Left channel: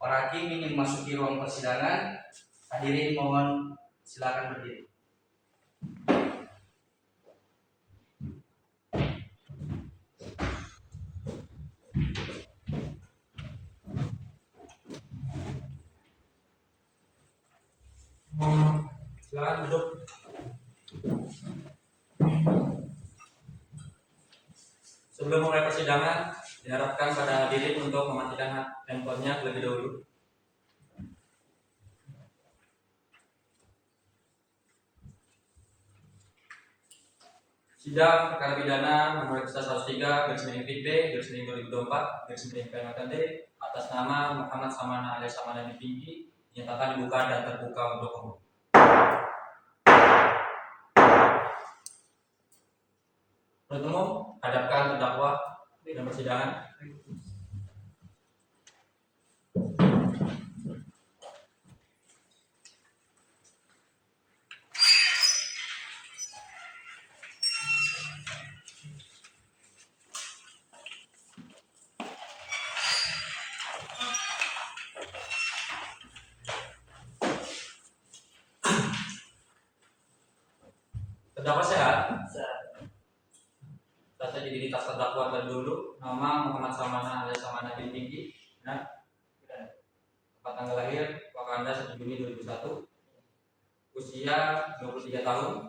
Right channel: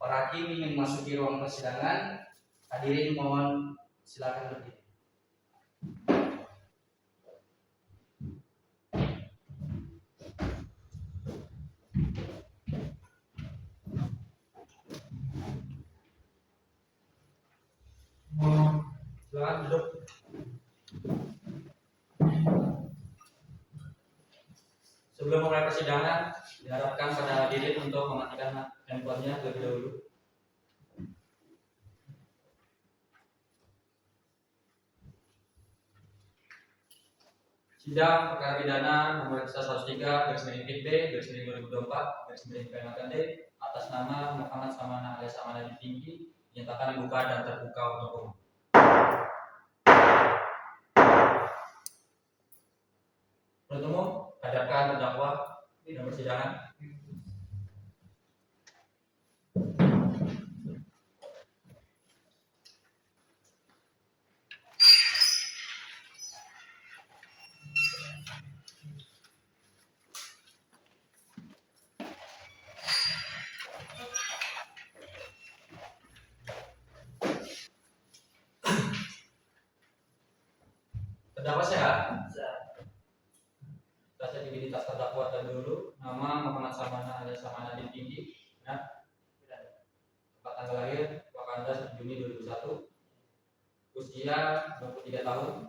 Para hakim ingin memasuki ruang persidangan. Hadirin mohon silakan berdiri. Silakan duduk. Sebelum mulai persidangan, diharapkan pada hadirin untuk mematikan handphonenya terlebih dahulu. Sidang perkara pidana nomor 103 garis miring PIT B garis miring 2024 garis miring PMKD atas nama Muhammad Samana alias Samana Tinggi dinyatakan dibuka dan terbuka untuk umum. Penuntut umum, hadapkan terdakwa dalam persidangan. Terdakwa sehat? Data identitas terdakwa terdahulu, nama Muhammad Samana alias Samana Tinggi, tanggal lahir Wakanda 1 Juni 2001, usia 23 tahun,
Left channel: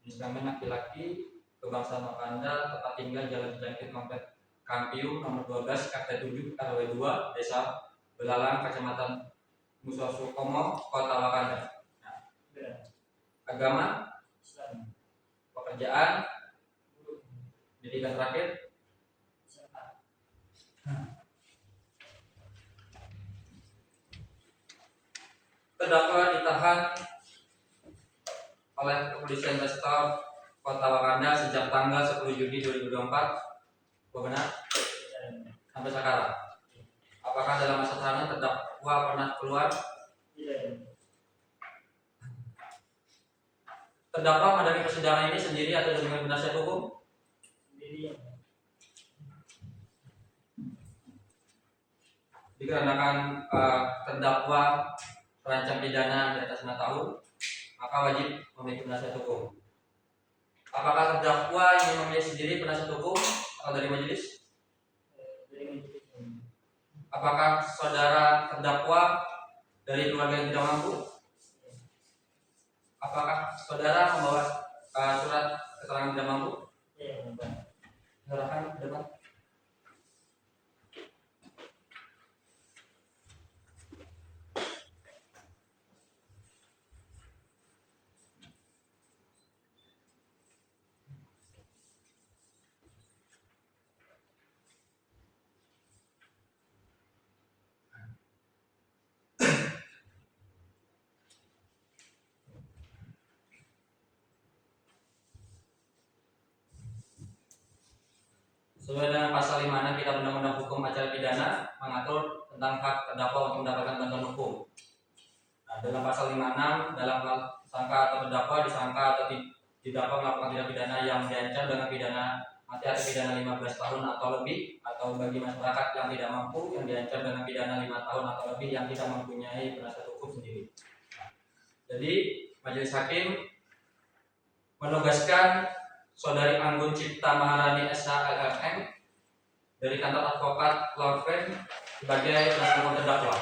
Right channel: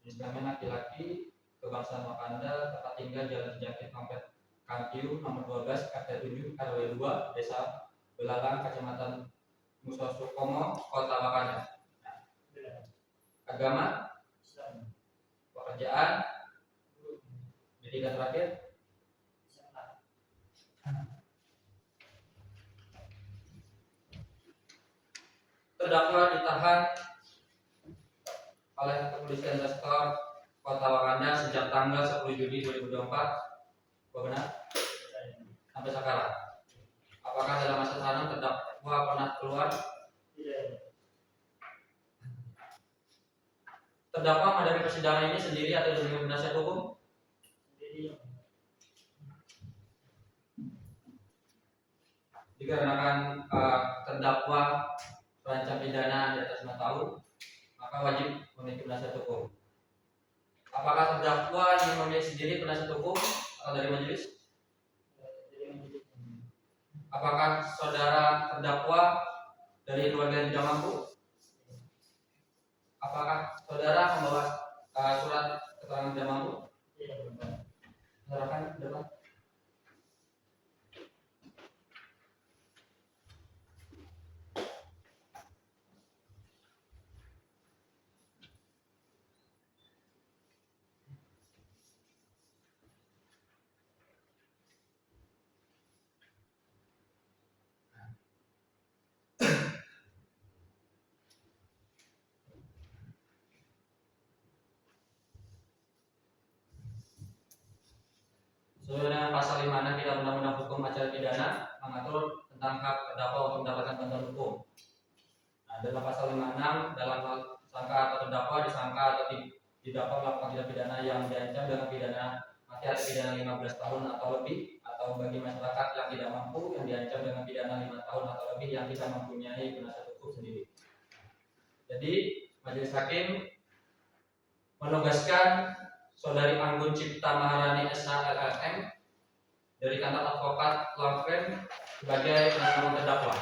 jenis kelamin laki-laki, kebangsaan Wakanda, tempat tinggal Jalan Jangkit Komplek Kampiu nomor 12 RT 7 RW 2 Desa Belalang Kecamatan Musosukomo Kota Wakanda. Agama, pekerjaan, pendidikan terakhir, terdakwa ditahan oleh Kepolisian Restor Kota Wakanda sejak tanggal 10 Juni 2024. Benar? Sampai sekarang. Apakah dalam masa tahanan terdakwa pernah keluar? Tidak. Terdakwa menghadapi persidangan ini sendiri atau dengan penasihat hukum? Sendiri. Dikarenakan terdakwa terancam pidana di atas 5 tahun, maka wajib memiliki penasihat hukum. Apakah terdakwa ingin memilih sendiri penasihat hukum atau dari majelis? Dari majelis. Apakah saudara terdakwa dari keluarga yang tidak mampu? Apakah saudara membawa surat keterangan tidak mampu? Iya, Bapak. Silakan ke depan. Sesuai dengan pasal 56 Kitab Undang-Undang Hukum Acara Pidana mengatur tentang hak terdakwa untuk mendapatkan bantuan hukum. Nah, dalam pasal 56 dalam hal sangka atau terdakwa disangka atau didakwa melakukan tindak pidana yang diancam dengan pidana mati atau pidana 15 tahun atau lebih, atau bagi masyarakat yang tidak mampu yang diancam dengan pidana 5 tahun atau lebih yang tidak mempunyai penasihat hukum sendiri. Jadi majelis hakim menugaskan Saudari Anggun Cipta Maharani SH LLM dari kantor advokat law firm sebagai penasihat hukum terdakwa.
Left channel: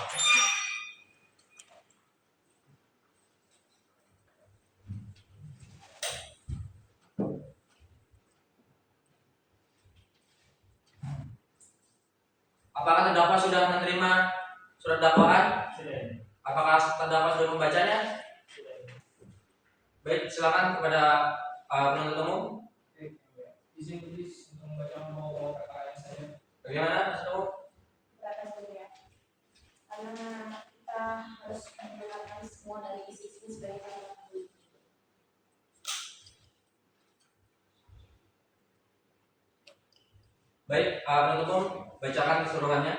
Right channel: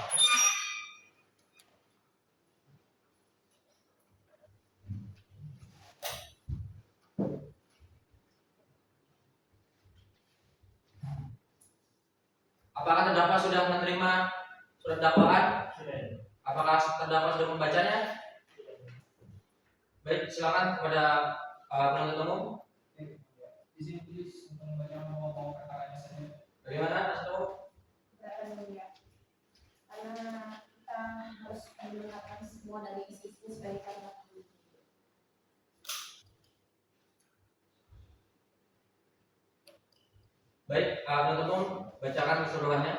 Apakah terdakwa sudah menerima surat dakwaan? Sudah. Apakah terdakwa sudah membacanya? Sudah. Baik, silakan kepada penuntut umum. Izin please untuk membaca pokok perkara ini saja. Bagaimana, Mas Umum? Silakan mulia. Karena kita harus mendengarkan semua dari isi-isi sebagai catatan. Baik, penuntut umum bacakan keseluruhannya.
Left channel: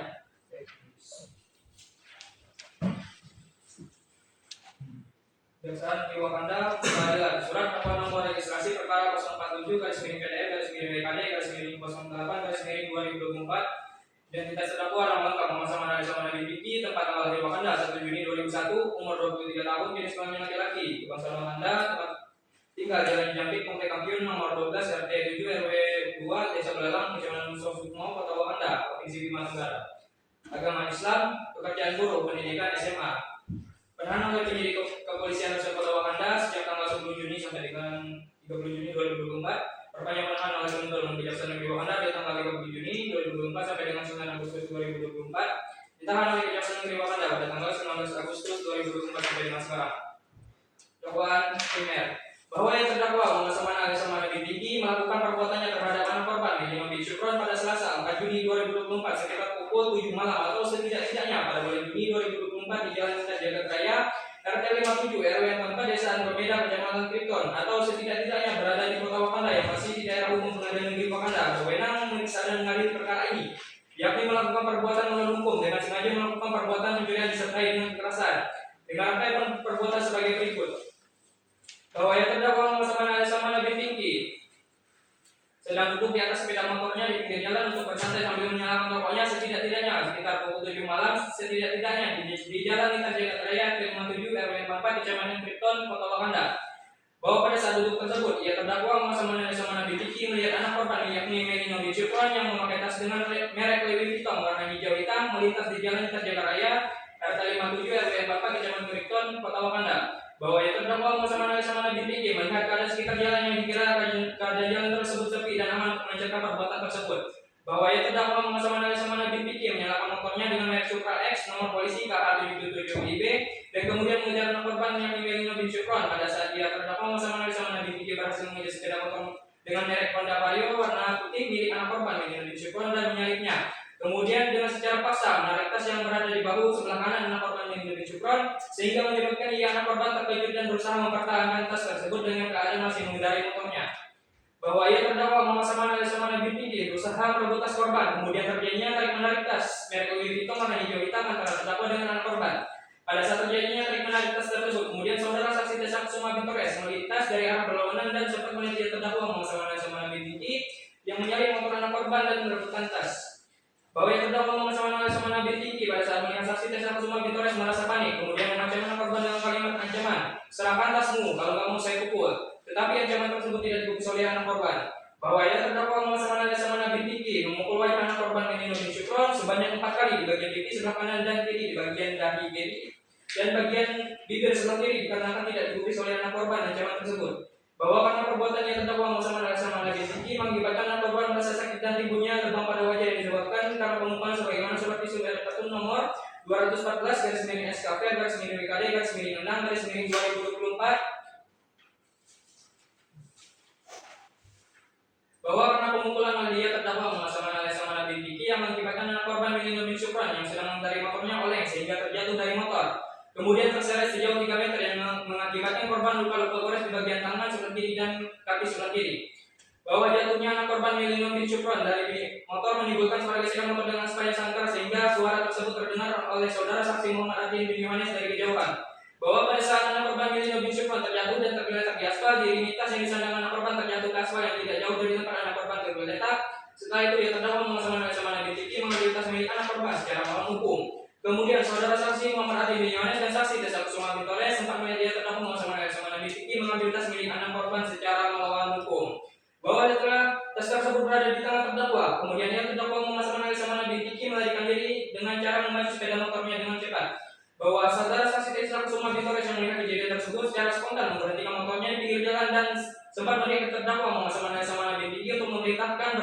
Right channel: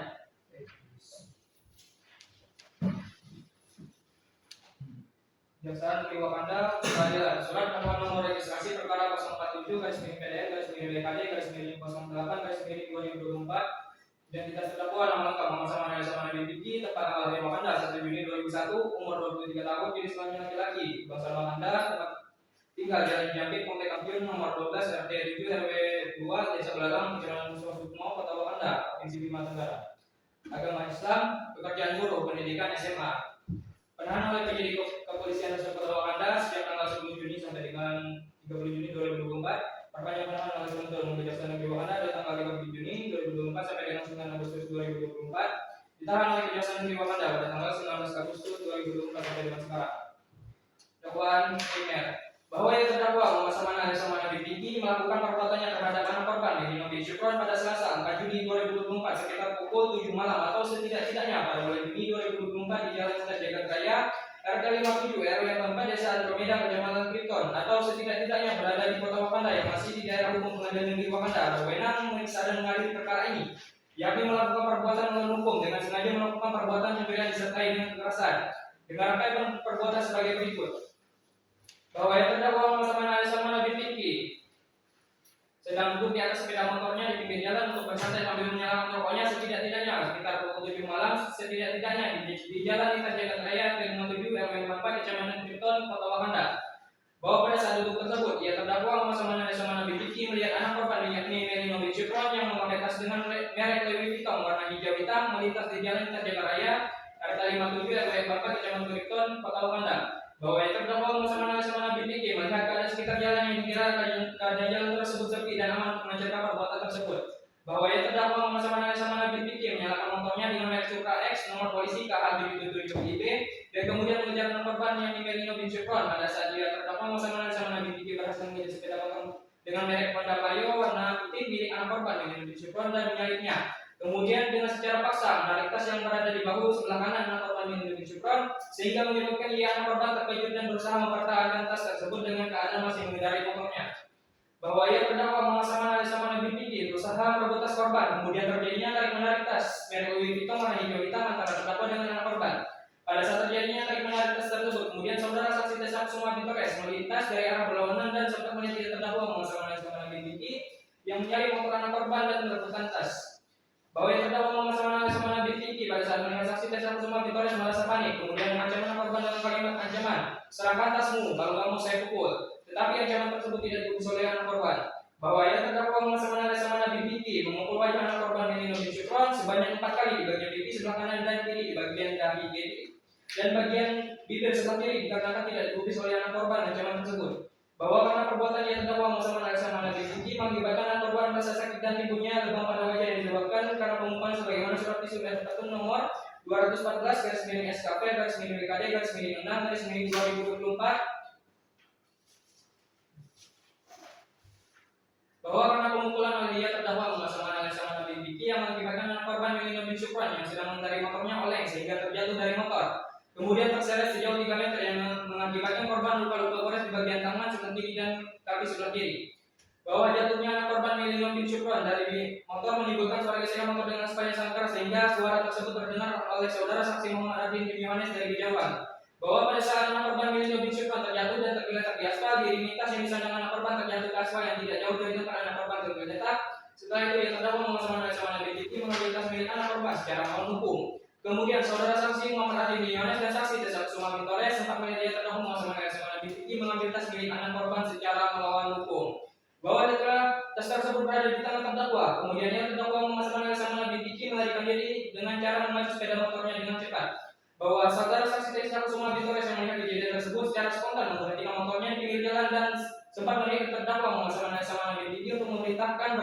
Kejaksaan Negeri Wakanda Pengadilan Surat Dakwaan Nomor Registrasi Perkara 047/PDF/PDKD/08/2024. Identitas terdakwa nama lengkap Muhammad Saman alias Saman bin Piki, tempat tanggal lahir Wakanda 1 Juni 2001, umur 23 tahun, jenis kelamin laki-laki, kebangsaan Wakanda, tempat tinggal Jalan Jampit, Komplek Kampiun, nomor 12, RT 7 RW 2, Desa Belalang, Kecamatan Sukmo, Kota Wakanda, Provinsi Bima Tenggara. Agama Islam, pekerjaan buruh, pendidikan SMA. Penahanan oleh penyidik kepolisian Resort Kota Wakanda sejak tanggal 10 Juni sampai dengan 30 Juni 2024. Perpanjang penahanan oleh Kementerian Kejaksaan Negeri Wakanda dari tanggal 30 Juni 2024 sampai dengan 9 Agustus 2024. Ditahan oleh Kejaksaan Negeri Wakanda pada tanggal 19 Agustus 2024 sampai dengan sekarang. Dakwaan primer bahwa yang terdakwa Muhammad Saman alias Saman bin Piki melakukan perbuatannya terhadap anak korban Lili bin Syukron pada Selasa 4 Juni 2024 sekitar pukul 7 malam atau setidak-tidaknya pada bulan Juni 2024 di Jalan Jagat Raya RT 57 RW 4 Desa Andromeda Kecamatan Kriton, atau setidak-tidaknya berada di Kota Wakanda yang masih di daerah umum Pengadilan Negeri Wakanda berwenang memeriksa dan mengadili perkara ini, yakni melakukan perbuatan melawan hukum dengan sengaja melakukan perbuatan pencurian disertai dengan kekerasan dengan rangkaian perbuatan sebagai berikut. Bahwa yang terdakwa Muhammad Saman alias Saman bin Piki sedang duduk di atas sepeda motornya di pinggir jalan untuk bersantai sambil menyalakan rokoknya setidak-tidaknya sekitar pukul 7 malam, setidak-tidaknya di Jalan Lintas Jagat Raya RT 57 RW 4 Kecamatan Kriton, Kota Wakanda. Bahwa pada saat duduk tersebut, ia terdakwa Muhammad Saman alias Saman bin Piki melihat anak korban yakni Melino bin Syukron yang memakai tas dengan merek Louis Vuitton warna hijau hitam melintas di Jalan Lintas Jagat Raya RT 57 RW 4 Kecamatan Kriton, Kota Wakanda. Bahwa yang terdakwa Muhammad Saman alias Saman bin Piki melihat keadaan sekitar jalan yang dikira keadaan jalan tersebut sepi dan aman untuk mencegah perbuatan tersebut. Bahwa yang terdakwa Muhammad Saman alias Saman bin Piki menyalakan motornya dengan merek Supra X nomor polisi KH777IB dan kemudian mengejar anak korban yang Melino bin Syukron. Pada saat dia terdakwa Muhammad Saman alias Saman bin Piki berhasil mengejar sepeda motor dengan merek Honda Vario warna putih milik anak korban Melino bin Syukron dan menyalipnya. Kemudian dengan secara paksa menarik tas yang berada di bahu sebelah kanan anak korban Melino bin Syukron sehingga menyebabkan ia anak korban terkejut dan berusaha mempertahankan tas tersebut dengan keadaan masih mengendarai motornya. Bahwa ia terdakwa Muhammad Saman alias Saman bin Piki berusaha merebut tas korban, kemudian terjadinya tarik-menarik tas merek Louis Vuitton warna hijau hitam antara terdakwa dengan anak korban. Pada saat terjadinya tarik-menarik tas tersebut, kemudian saudara saksi Desa Kusuma bin Torres melintas dari arah berlawanan dan sempat melihat ia terdakwa Muhammad Saman alias Saman bin Piki yang menyalip motor anak korban dan merebutkan tas. Bahwa yang terdakwa Muhammad Saman alias Saman bin Piki pada saat melihat saksi Desa Kusuma bin Torres merasa panik, kemudian mengancam anak korban dengan kalimat ancaman, "Serahkan tasmu, kalau kamu saya pukul." Tetapi ancaman tersebut tidak digubris oleh anak korban. Bahwa yang terdakwa Muhammad Saman alias Saman bin Piki memukul wajah anak korban Melino bin Syukron sebanyak 4 kali di bagian pipi sebelah kanan dan kiri, di bagian dahi kiri dan bagian bibir sebelah kiri dikarenakan tidak digubris oleh anak korban ancaman tersebut. Bahwa karena perbuatan yang terdakwa Muhammad Saman alias Saman bin Piki mengakibatkan anak korban merasa sakit dan timbulnya lebam pada wajah yang disebabkan karena pemukulan sebagaimana surat visum dan petun nomor 214/SKP/WKD/6/2024. Bahwa karena pemukulan oleh dia terdakwa Muhammad Saman alias Saman bin Piki yang mengakibatkan anak korban Melino bin Syukron yang sedang mengendarai motornya oleng sehingga terjatuh dari motor, kemudian terseret sejauh 3 meter yang mengakibatkan korban luka-luka gores di bagian tangan sebelah kiri dan kaki sebelah kiri. Bahwa jatuhnya anak korban Melino bin Syukron dari motor menimbulkan suara gesekan motor dengan sepanjang sangkar sehingga suara tersebut terdengar oleh saudara saksi Muhammad Adin bin Yohanes dari kejauhan. Bahwa pada saat anak korban Melino bin Syukron terjatuh dan tergeletak di aspal, diiringi tas yang disandang anak korban terjatuh ke aspal yang tidak jauh dari tempat anak korban tergeletak. Setelah itu ia terdakwa Muhammad Saman alias Saman bin Piki mengambil tas milik anak korban secara melawan hukum. Kemudian saudara saksi Muhammad Adin bin Yohanes dan saksi Desa Kusuma bin Torres sempat melihat ia terdakwa Muhammad Saman alias Saman bin Piki mengambil tas milik anak korban secara melawan hukum. Bahwa setelah tas tersebut berada di tangan terdakwa, kemudian ia terdakwa Muhammad Saman alias Saman bin Piki melarikan diri dengan cara memacu sepeda motornya dengan cepat. Bahwa saudara saksi Desa Kusuma bin Torres yang melihat kejadian tersebut secara spontan memberhentikan motornya di pinggir jalan dan sempat melihat terdakwa Muhammad Saman alias Saman bin Piki untuk memerintahkan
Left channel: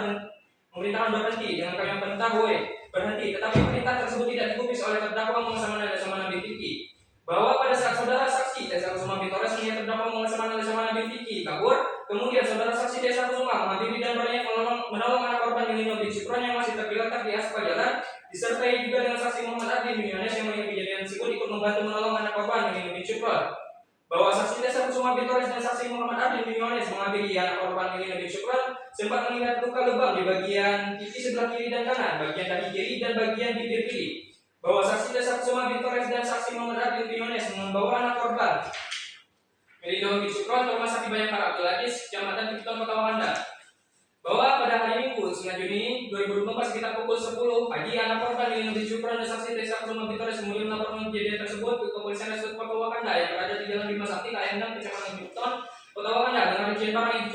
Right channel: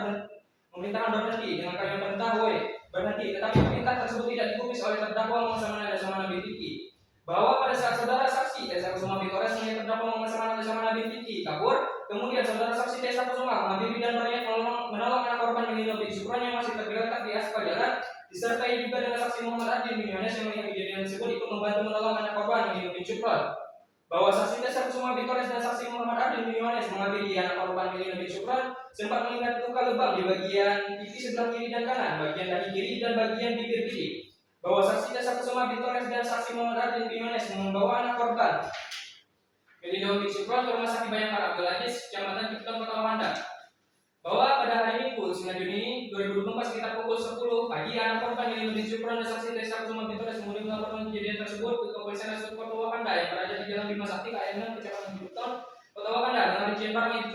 berhenti dengan kalimat perintah "woi berhenti", tetapi perintah tersebut tidak digubris oleh terdakwa Muhammad Saman alias Saman bin Piki. Bahwa pada saat saudara saksi Desa Kusuma bin Torres melihat terdakwa Muhammad Saman alias Saman bin Piki kabur, kemudian saudara saksi Desa Kusuma mengambil dan berniat menolong anak korban Melino bin Syukron yang masih tergeletak di aspal jalan, disertai juga dengan saksi Muhammad Adin bin Yohanes yang melihat kejadian tersebut ikut membantu menolong anak korban Melino bin Syukron. Bahwa saksi Desa Kusuma bin Torres dan saksi Muhammad Adin bin Yohanes mengambil anak korban Melino bin Syukron sempat melihat luka lebam di bagian pipi sebelah kiri dan kanan, bagian dahi kiri dan bagian bibir kiri. Bahwa saksi Desa Kusuma bin Torres dan saksi Muhammad Adin bin Yohanes membawa anak korban Melino bin Syukron ke Rumah Sakit Bayangkara Abdul Aziz, Kecamatan Cipiton, Kota Wakanda. Bahwa pada hari Minggu 9 Juni 2024 sekitar pukul 10 pagi, anak korban Melino bin Syukron dan saksi Tessa Kusuma Bintores kemudian melaporkan kejadian tersebut ke Kepolisian Resort Kota Wakanda yang berada di Jalan Bima Sakti, KM6, Kecamatan Cipiton, Kota Wakanda dengan rincian barang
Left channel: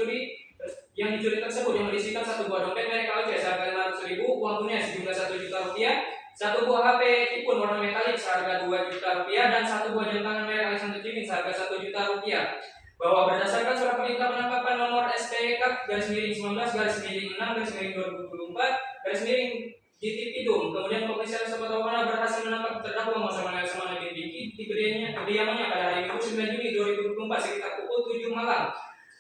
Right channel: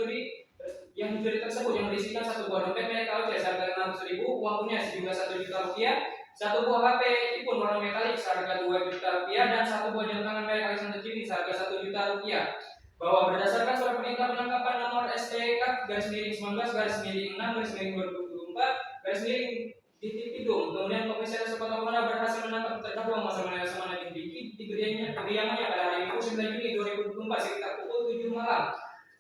yang dicuri tersebut yang berisikan satu buah dompet merek KOC seharga 500.000, uang tunai sejumlah 1 juta rupiah, satu buah HP iPhone warna metalik seharga 2 juta rupiah, dan satu buah jam tangan merek Alexander Jimmy seharga 1 juta rupiah. Bahwa berdasarkan surat perintah penangkapan nomor STK /19/2024 Ditipidum, kemudian Kepolisian Resort Kota Wakanda berhasil menangkap terdakwa Laksamana bin Vicky di kediamannya pada hari Minggu 9 Juni 2024 sekitar pukul 7 malam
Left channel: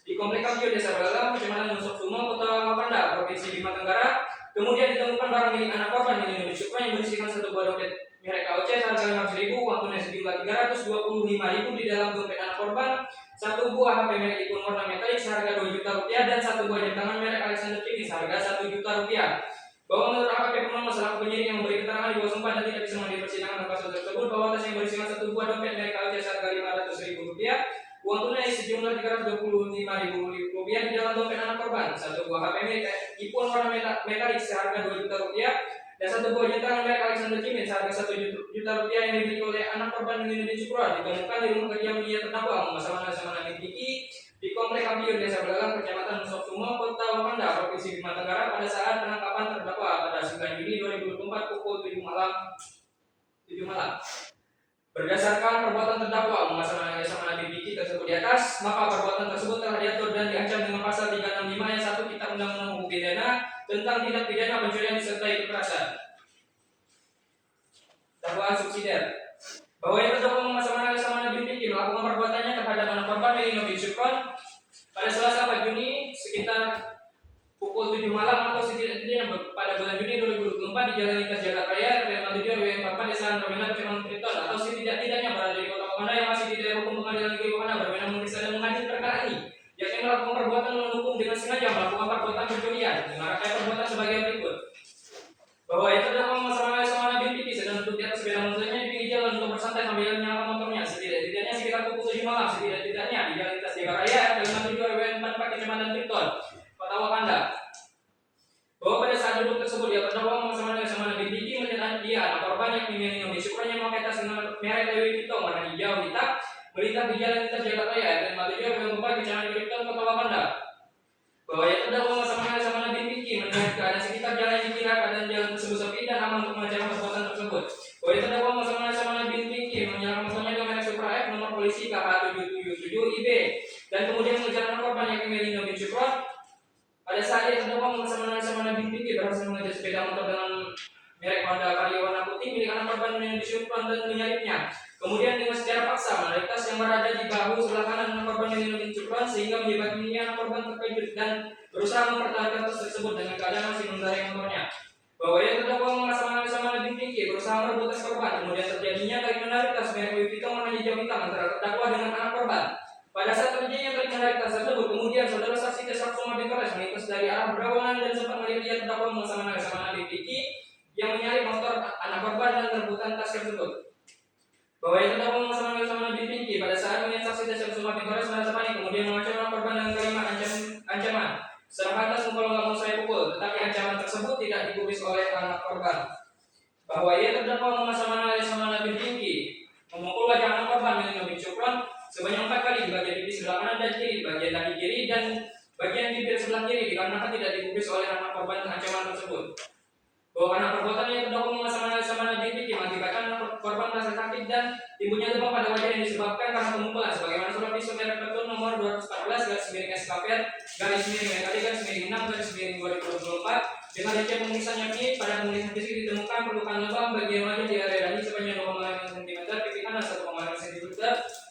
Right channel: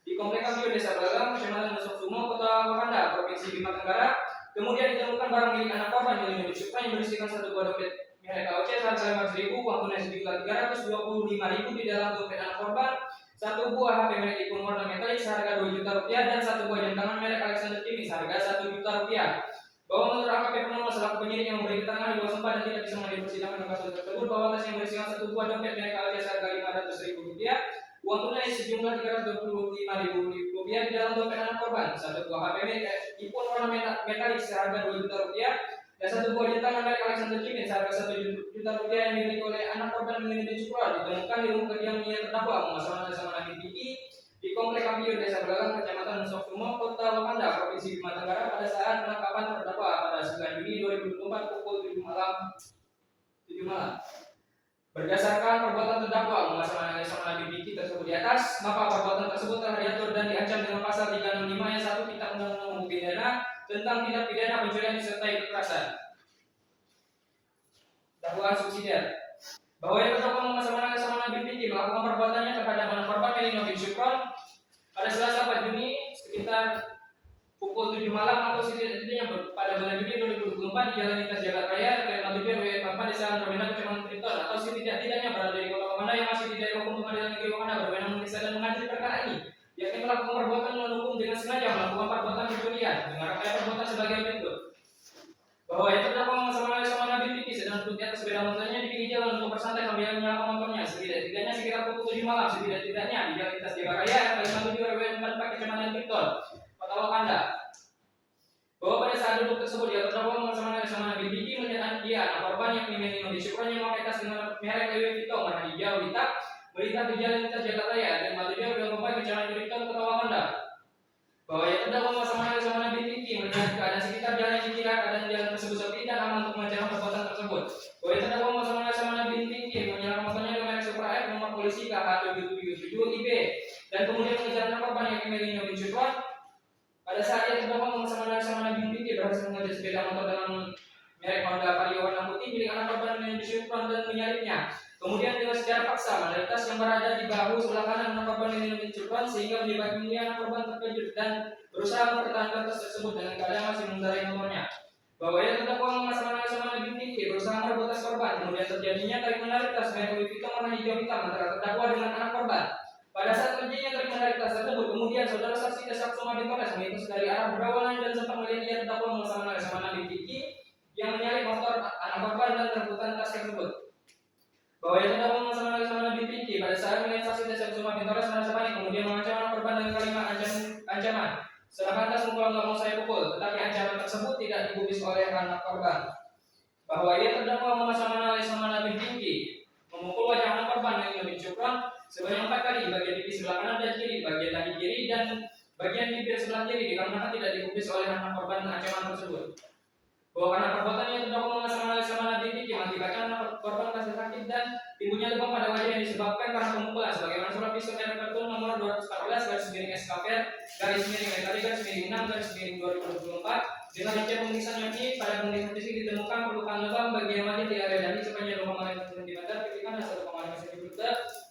di Komplek Kampiun Desa Belalang, Kecamatan Nusuk Sumo, Kota Wakanda, Provinsi Bima Tenggara. Kemudian ditemukan barang milik anak korban Melino bin Syukron yang berisikan satu buah dompet merek KOC seharga 500.000, uang tunai sejumlah 325.000 di dalam dompet anak korban, satu buah HP merek iPhone warna metalik seharga 2 juta rupiah, dan satu buah jam tangan merek Alexander Jimmy seharga 1 juta rupiah. Bahwa menurut AKP Purnomo selaku penyidik yang memberi keterangan di bawah sumpah dan tidak bisa menghadiri persidangan dalam kasus tersebut, bahwa tas yang berisikan satu buah dompet merek KOC seharga 500.000 rupiah, uang tunai sejumlah 325.000 rupiah di dalam dompet anak korban, satu buah HP merek iPhone warna metalik seharga 2 juta rupiah, dan satu buah jam tangan merek Alexander Jimmy seharga 1 juta rupiah yang dimiliki oleh anak korban Melino bin Syukron ditemukan di rumah kediamannya terdakwa Laksamana bin Vicky di Komplek Kampiun Desa Belalang, Kecamatan Nusuk Sumo, Kota Wakanda, Provinsi Bima Tenggara pada saat penangkapan terdakwa pada 9 Juni 2024 pukul 7 malam. Berdasarkan perbuatan terdakwa Laksamana bin Vicky tersebut di atas, maka perbuatan tersebut telah diatur dan diancam dengan pasal 365 ayat 1 Kitab Undang-Undang Hukum Pidana tentang tindak pidana pencurian disertai kekerasan. Dakwaan subsidiar. Bahwa yang terdakwa Laksamana bin Vicky melakukan perbuatannya terhadap anak korban Melino bin Syukron pada Selasa 4 Juni sekitar pukul 7 malam atau setidaknya pada bulan Juni 2024 di Jalan Lintas Jakarta Raya, RW 47 RW 44 Desa Permena, Kecamatan Cipiton, atau setidak-tidaknya berada di Kota Wakanda yang masih di daerah hukum Pengadilan Negeri Wakanda berwenang memeriksa dan mengadili perkara ini, yakni melakukan perbuatan melawan hukum dengan sengaja melakukan perbuatan pencurian dengan rangkaian perbuatan sebagai berikut. Bahwa yang terdakwa Laksamana bin Vicky sedang duduk di atas sepeda motornya di pinggir jalan untuk bersantai sambil menyalakan motornya, setidak-tidaknya sekitar pukul 7 malam, setidak-tidaknya di Jalan Lintas Jakarta Raya, RW 57 RW 44 Kecamatan Cipiton, Kota Wakanda. Bahwa pada saat duduk tersebut dia terdakwa Laksamana bin Vicky melihat dia anak korban yang Melino bin Syukron yang memakai tas dengan merek Louis Vuitton warna hijau hitam melintas di Jalan Lintas Jakarta Raya dan 47 RW 44 Kecamatan Cipiton, Kota Wakanda. Bahwa yang terdakwa Laksamana bin Vicky melihat keadaan sekitar jalan yang dikira keadaan jalan tersebut sepi dan aman untuk mengerjakan perbuatan tersebut. Bahwa yang terdakwa Laksamana bin Vicky menyalakan motornya dengan merek Supra F nomor polisi KH777IB dan kemudian mengejar anak korban yang Melino bin Syukron. Pada saat ia terdakwa Laksamana bin Vicky berhasil mengejar sepeda motor dengan merek Honda Vario warna putih milik anak korban Melino bin Syukron dan menyalipnya. Kemudian dengan secara paksa menarik tas yang berada di bahu sebelah kanan anak korban Melino bin Syukron sehingga menyebabkan anak korban terkejut dan berusaha mempertahankan tas tersebut dengan keadaan masih mengendarai motornya. Bahwa ia terdakwa Laksamana bin Vicky berusaha merebut tas korban, kemudian terjadinya tarik menarik tas merek Louis Vuitton warna hijau hitam antara terdakwa dengan anak korban. Pada saat terjadinya tarik menarik tas tersebut, kemudian saudara saksi Tessa Kusuma Bintores melintas dari arah berlawanan dan sempat melihat dia terdakwa Laksamana bin Vicky yang menyalip motor anak korban dan merebutkan tas tersebut. Bahwa yang terdakwa Laksamana bin Vicky pada saat melihat saksi Tessa Kusuma Bintores merasa panik, kemudian mengancam anak korban dengan kalimat ancaman. Serahkan tas kalau nggak mau saya pukul, tetapi ancaman tersebut tidak digubris oleh anak korban. Bahwa ia terdakwa Laksamana bin Vicky memukul wajah anak korban Melino bin Syukron sebanyak 4 kali di bagian pipi sebelah kanan dan kiri, bagian kaki kiri dan bagian bibir sebelah kiri dikarenakan tidak digubris oleh anak korban ancaman tersebut. Bahwa karena perbuatan yang terdakwa Laksamana bin Vicky mengakibatkan anak korban merasa sakit dan timbulnya luka pada wajah yang disebabkan karena pemukulan sebagaimana surat visum merek Petun nomor 214/SKPR/MI/6/2024 dengan rincian pemeriksaan yang ini pada pemeriksaan fisik ditemukan perlukaan lebam bagian wajah di area dahi sepanjang 2,5 cm, pipi kanan 1,5 cm,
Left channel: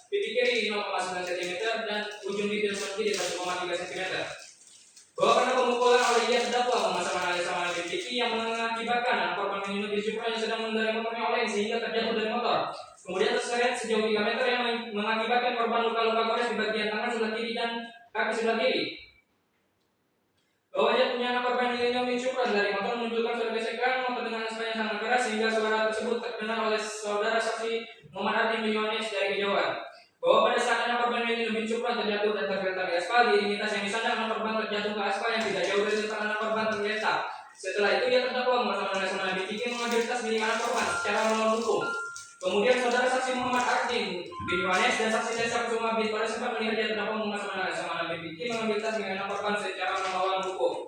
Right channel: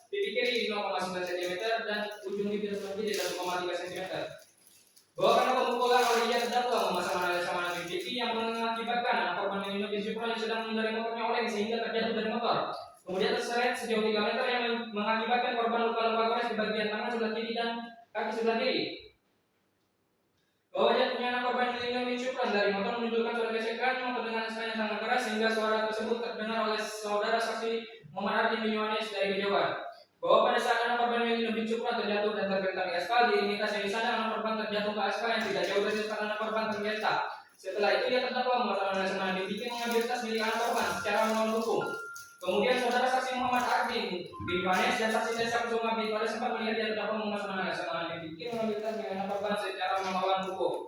pipi kiri 0,9 cm dan ujung bibir kiri 1,3 cm. Bahwa karena pemukulan oleh ia terdakwa Laksamana bin Vicky yang mengakibatkan anak korban Melino bin Syukron yang sedang mengendarai motornya oleng sehingga terjatuh dari motor, kemudian terseret sejauh 3 meter yang mengakibatkan korban luka-luka gores di bagian tangan sebelah kiri dan kaki sebelah kiri. Bahwa jatuhnya anak korban Melino bin Syukron dari motor menunjukkan suara gesekan motor dengan yang sangat keras sehingga suara tersebut terdengar oleh saudara saksi Muhammad Ardi bin Yohanes dari kejauhan. Bahwa pada saat anak korban Melino bin Syukron aspal di tas yang disandang anak korban terjatuh ke aspal yang tidak jauh dari tempat anak korban tergeletak. Setelah itu dia terdakwa mengatasnamakan BPK mengambil tas milik anak korban secara melawan hukum. Kemudian saudara saksi Muhammad Ardin bin Yohanes dan saksi Desa Kusuma bin Faris sempat melihat dia terdakwa mengatasnamakan BPK mengambil tas milik anak korban secara melawan hukum.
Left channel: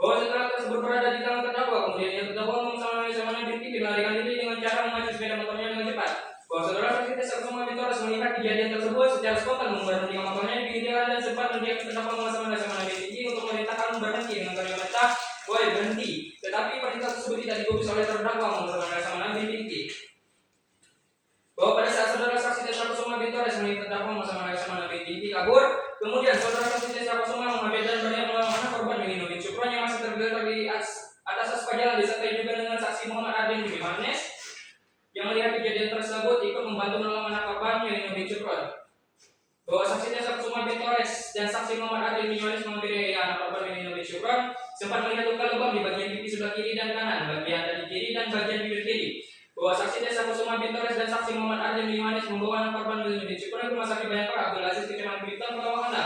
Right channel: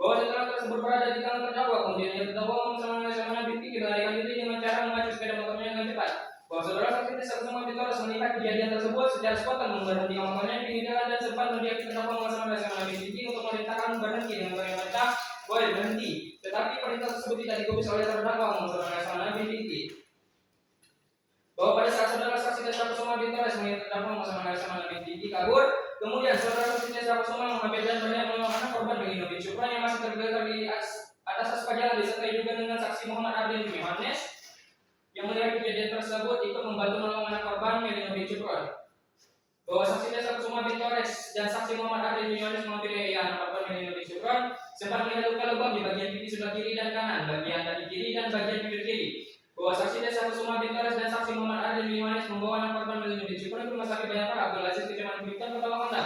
Bahwa setelah tersebut berada di tangan terdakwa, kemudian ia terdakwa mengatasnamakan BPK melarikan diri dengan cara mengacu sepeda motornya dengan cepat. Bahwa saudara saksi Desa Kusuma bin Faris melihat kejadian tersebut secara spontan memberhentikan motornya di pinggir jalan dan sempat mendiami terdakwa mengatasnamakan BPK untuk memerintahkan berhenti dengan kalimat perintah boleh berhenti. Tetapi perintah tersebut tidak digubris oleh terdakwa mengatasnamakan BPK. Bahwa pada saat saudara saksi Desa Kusuma bin Faris melihat terdakwa mengatasnamakan BPK kabur, kemudian saudara saksi Desa Kusuma mengambil dan banyak melawan anak korban Melino bin Syukron yang masih tergeletak di atas aspal jalan disertai juga dengan saksi Muhammad Ardin bin Yohanes yang melihat kejadian tersebut ikut membantu menolong anak korban Melino bin Syukron. Bahwa saksi Desa Kusuma bin Faris dan saksi Muhammad Ardin bin Yohanes mengambil anak korban Melino bin Syukron sempat melihat luka lebam di bagian pipi sebelah kiri dan kanan, bagian dada kiri dan bagian bibir kiri. Bahwa saksi Desa Kusuma bin Faris dan saksi Muhammad Ardin bin Yohanes membawa anak korban Melino bin Syukron ke rumah sakit Bayangkara Abdul Aziz Kecamatan Blitar Kota Wakanda.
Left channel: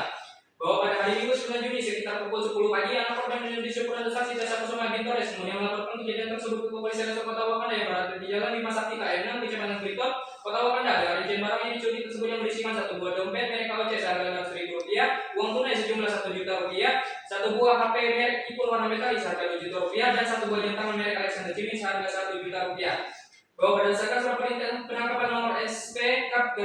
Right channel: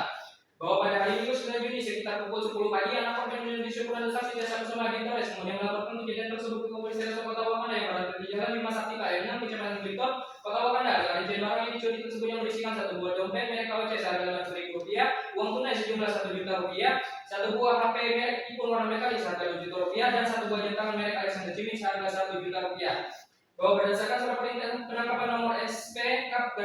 Bahwa pada hari Minggu 9 Juni sekitar pukul 10 pagi anak korban Melino bin Syukron dan saksi Desa Kusuma bin Faris kemudian melaporkan kejadian tersebut ke Kepolisian Resort Kota Wakanda yang berada di Jalan 5 Sakti KM6 Kecamatan Blitar Kota Wakanda dengan rincian barang yang dicuri tersebut yang berisikan satu buah dompet merek KOC seharga Rp600.000, uang tunai sejumlah Rp1 juta, satu buah HP merek iPhone warna metalis seharga Rp2 juta dan satu buah jam tangan merek Alexander Jimmy seharga Rp1 juta. Bahwa berdasarkan surat perintah penangkapan nomor SP Kap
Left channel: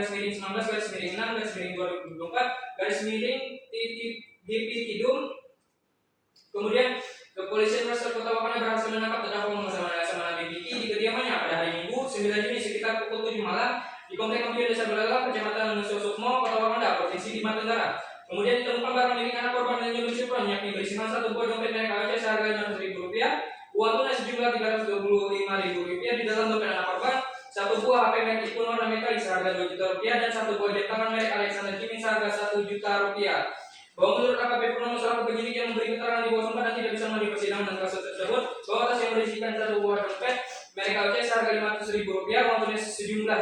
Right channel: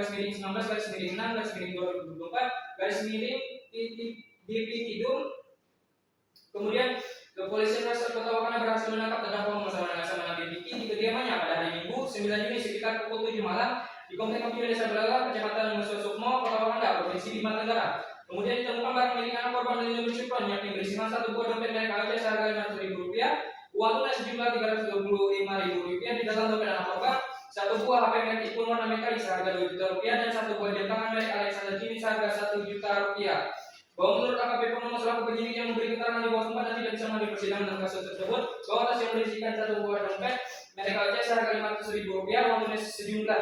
DP Kidum, kemudian Kepolisian Resort Kota Wakanda berhasil menangkap terdakwa mengatasnamakan BPK di kediamannya pada hari Minggu 9 Juni sekitar pukul 7 malam di Komplek Kampiun Desa Belalang, Kecamatan Nusa Sukmo, Kota Wakanda, Provinsi Lima Tenggara. Kemudian ditemukan barang milik anak korban Melino bin Syukron yakni berisikan satu buah dompet merek AOC seharga Rp600.000, uang tunai sejumlah Rp325.000 di dalam dompet anak korban, satu buah HP merek iPhone warna metalis seharga Rp2 juta dan satu buah jam tangan merek Alexander Jimmy seharga Rp1 juta. Bahwa menurut AKP Purnomo selaku penyidik yang memberi keterangan di bawah sumpah dan tidak bisa melalui persidangan dalam kasus tersebut, bahwa tas yang berisikan satu buah dompet merek AOC seharga Rp500.000, uang tunai sejumlah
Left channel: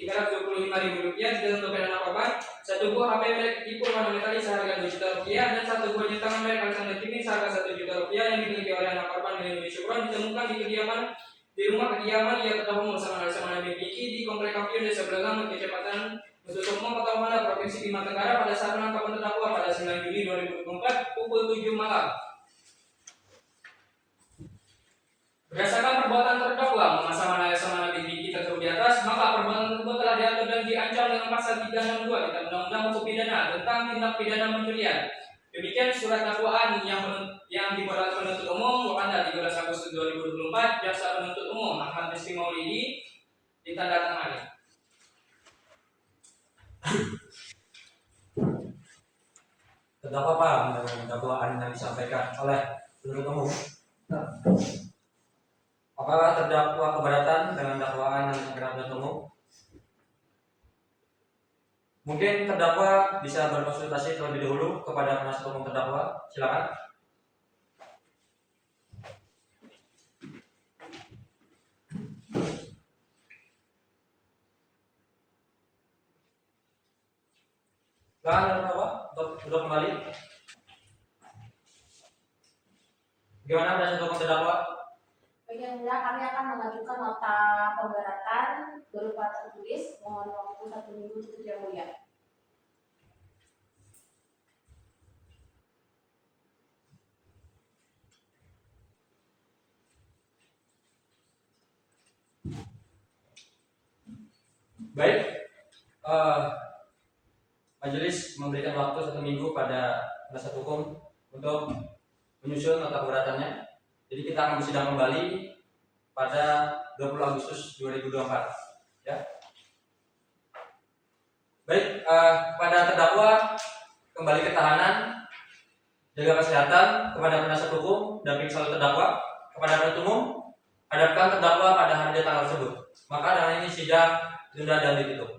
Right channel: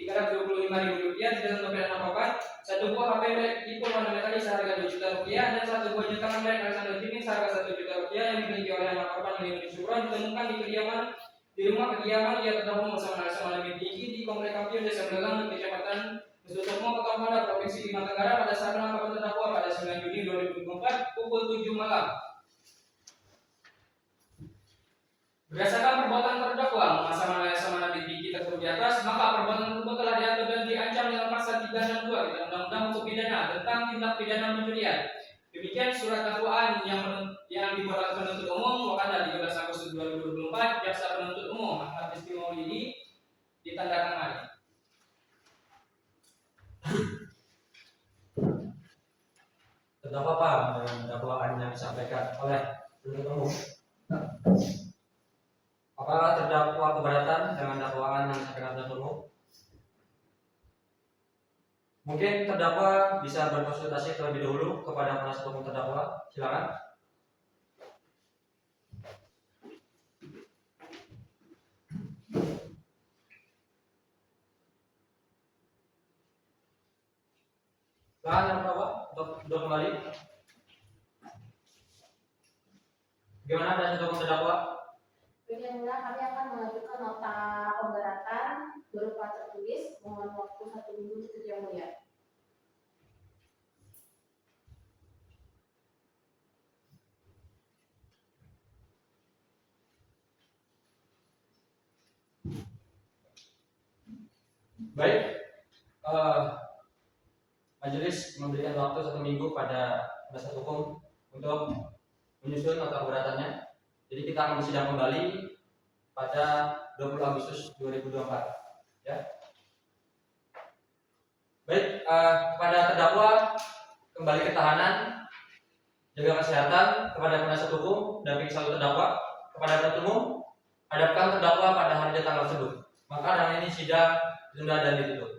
Rp325.000 di dalam dompet anak korban, satu buah HP merek iPhone warna metalis seharga Rp2 juta dan satu buah jam tangan merek Alexander Jimmy seharga Rp1 juta yang dimiliki oleh anak korban Melino bin Syukron ditemukan di rumah kediaman ia terdakwa mengatasnamakan BPK di Komplek Kampiun Desa Belalang, Kecamatan Nusa Sukmo, Kota Wakanda, Provinsi Lima Tenggara pada saat penangkapan terdakwa pada 9 Juni 2024 pukul 7 malam. Berdasarkan perbuatan terdakwa mengatasnamakan BPK tersebut di atas, maka perbuatan tersebut telah diatur dan diancam dengan pasal 362 Kitab Undang-Undang Hukum Pidana tentang tindak pidana pencurian. Demikian surat dakwaan yang dibuat oleh penuntut umum Wakanda 13 Agustus 2024, jaksa penuntut umum Ahmad Rizky Maulidi ditandatangani. Terdakwa paham dengan dakwaan yang disampaikan oleh penuntut umum? Apakah terdakwa keberatan dengan dakwaan yang disampaikan penuntut umum? Mungkin terdakwa bisa berkonsultasi terlebih dahulu kepada penasihat hukum terdakwa. Silakan. Silakan terdakwa untuk kembali. Bagaimana penasihat hukum terdakwa? Baik, yang mulia, kami akan mengajukan nota pemberatan berupa tertulis. Mohon waktu 1 minggu untuk yang mulia. Baik, majelis memberikan waktu 1 minggu pada penasihat hukum untuk menyusun nota keberatannya. Jadi kita akan bersidang kembali pada 20 Agustus 2024. Ya. Baik, kepada terdakwa kembali ke tahanan, jaga kesehatan. Kepada penasihat hukum, dampingi selalu terdakwa. Kepada penuntut umum, hadapkan terdakwa pada hari dan tanggal tersebut. Maka dengan ini sidang ditunda dan ditutup.